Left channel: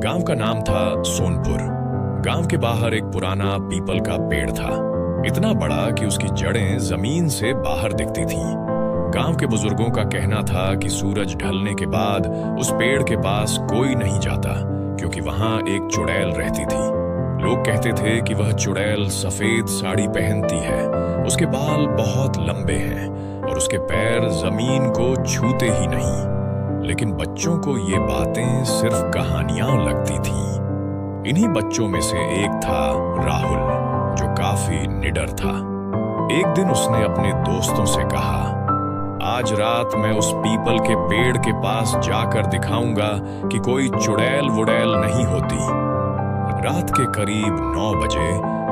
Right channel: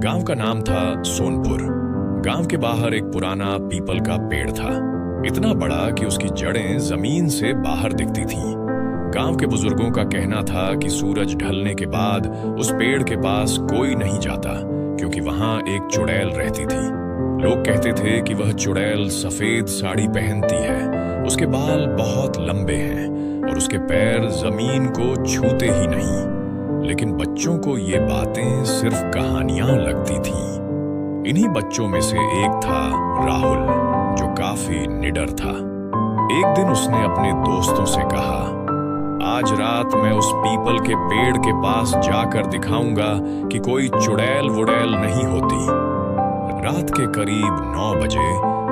गांव का नाम था सोनपुर। गांव के बाहर एक पुराना पीपल का पेड़ था, इतना बड़ा कि उसकी जड़ें जमीन से बाहर दिखती थीं। गांव के बुजुर्गों का कहना था कि सूरज ढलने के बाद उस पेड़ के पास कोई नहीं जाता, क्योंकि वहां एक चुड़ैल रहती थी। लोग कहते थे कि वह चुड़ैल सफेद साड़ी पहनती है, उसके बाल बहुत लंबे हैं और उसके पैर जमीन को छूते ही नहीं। लेकिन बच्चों को ये बातें सिर्फ कहानियां लगती थीं। इन्हीं बच्चों में से एक था राहुल, जो काफी निडर था। एक दिन उसने अपने दोस्तों से कहा, आज रात मैं उस पीपल के पेड़ के पास जाकर दिखाऊंगा कि कोई चुड़ैल वुड़ैल नहीं होती। रात के करीब 9 बजे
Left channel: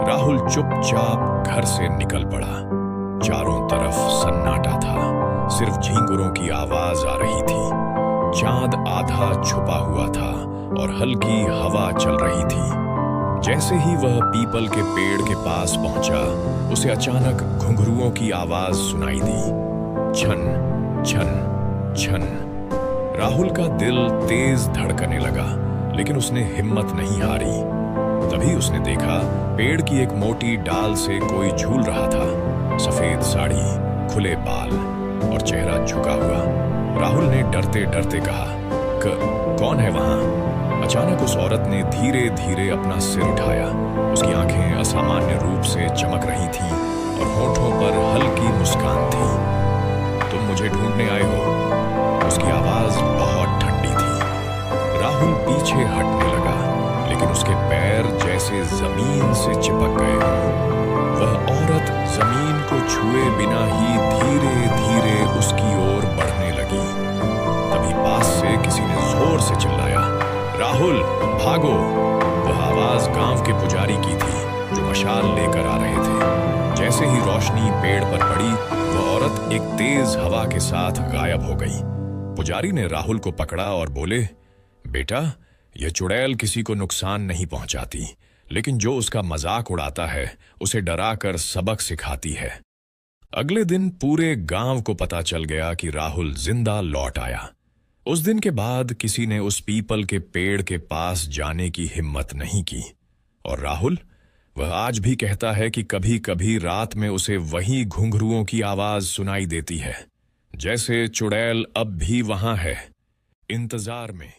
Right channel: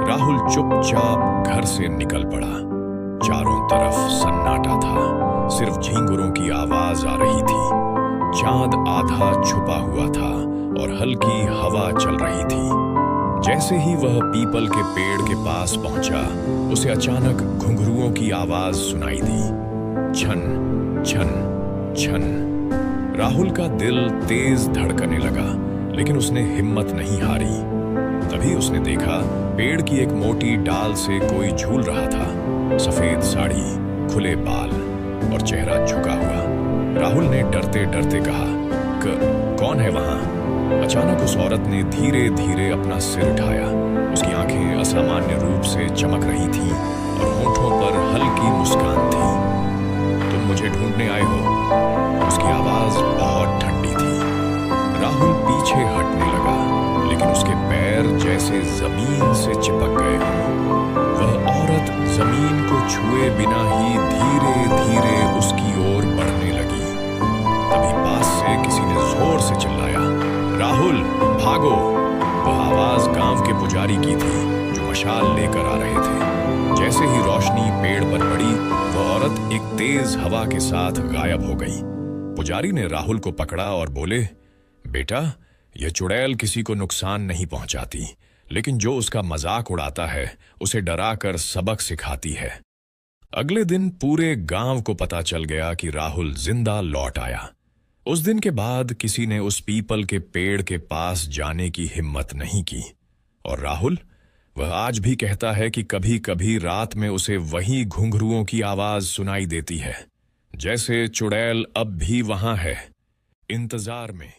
राहुल चुपचाप घर से निकल पड़ा। चारों तरफ सन्नाटा था, सिर्फ झींगुरों की आवाज आ रही थी। चांद आधा छुपा हुआ था और हल्की हवा चल रही थी। जैसे ही वह पीपल के पेड़ के पास पहुंचा, उसे अचानक घुंघरुओं की आवाज सुनाई दी। छन छन छन। राहुल का दिल तेज धड़कने लगा, लेकिन उसने हिम्मत नहीं हारी। तभी उसने देखा, पेड़ की एक मोटी डाल से कोई झूल रहा था। सफेद साड़ी, खुले बाल और चेहरा झुका हुआ। राहुल ने डरते डरते कहा, कौन है वहां? अचानक उस औरत ने धीरे धीरे अपना सिर उठाया। उसकी आंखें असामान्य रूप से चमक रही थीं और होठों पर हल्की मुस्कान थी। तुम मुझे ढूंढने आए हो? उसकी आवाज बहुत ठंडी थी। राहुल पीछे हटने लगा, लेकिन उसके पैर जैसे जमीन से चिपक गए हों। वह औरत जमीन को छुए बिना ही धीरे धीरे उसकी ओर बढ़ने लगी। तभी पास से किसी ने जोर से चिल्लाया, राहुल भागो! वह आवाज गांव के पुजारी की थी, जो मशाल लेकर आ रहे थे। जैसे ही रोशनी पेड़ पर पड़ी, वह औरत एक तेज हवा के साथ गायब हो गई। पुजारी ने राहुल को पकड़ा और बोले, बेटा, यह चुड़ैल किसी को नुकसान नहीं पहुंचाती, लेकिन जो उसका मजाक उड़ाता है, उसे डराकर सबक सिखाती है। अगले दिन पूरे गांव को पता चल गया कि राहुल जिंदा लौट आया। उस दिन के बाद किसी ने उस पीपल के पेड़ के पास जाने की हिम्मत नहीं की। और राहुल, वह आज भी कहता है कि कभी कभी रात में उसे वही घुंघरुओं की आवाज सुनाई देती है, जैसे चुड़ैल अब भी वहां है, इंतजार में।